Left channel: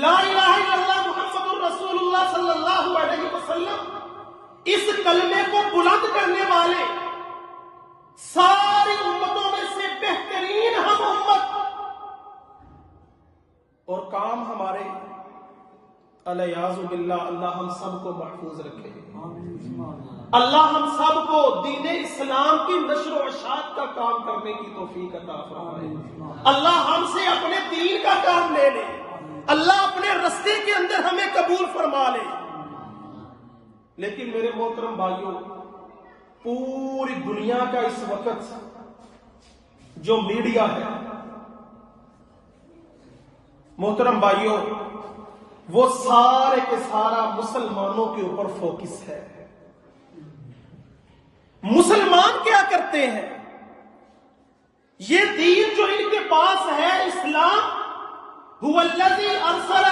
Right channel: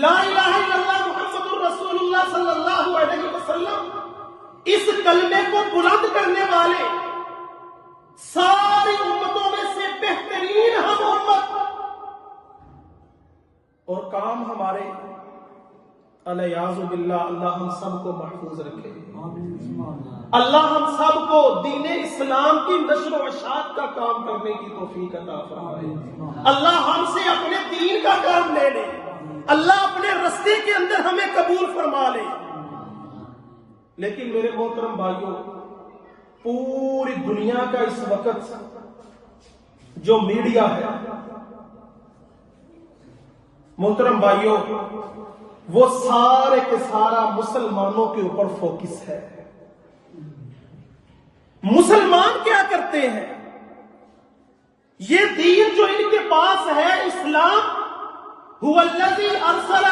لا الہ الا اللہ محمد الرسول اللہ صلی اللہ علیہ وسلم اس کلمے کو بلند کرنے والے ساری امتوں میں سے بہترین ہم امت، اور کام ہمارے الیاذ باللہ اللہ ہم سب کو محفوظ رکھے، اللہ ہم سب کو دین اسلام کی نشر و اشاعت کا کام کرنے کی توفیق عطا فرمائے، اللہ ہم سے اپنے دین کا کام لے لے، اللہ اپنے رستے کے اندر ہمیں قبول فرما لے۔ لیکن میرے محترم بھائیوں، پوری دنیا کا اس وقت جو میڈیا ہے محترم بھائیوں، وہ سارے کے سارا مسلمانوں کے اوپر فوکس ہے۔ مسلمان کیا کرتے ہیں؟ یہ دین جو ان کے پاس ہے، اسلام، هو الذی ارسل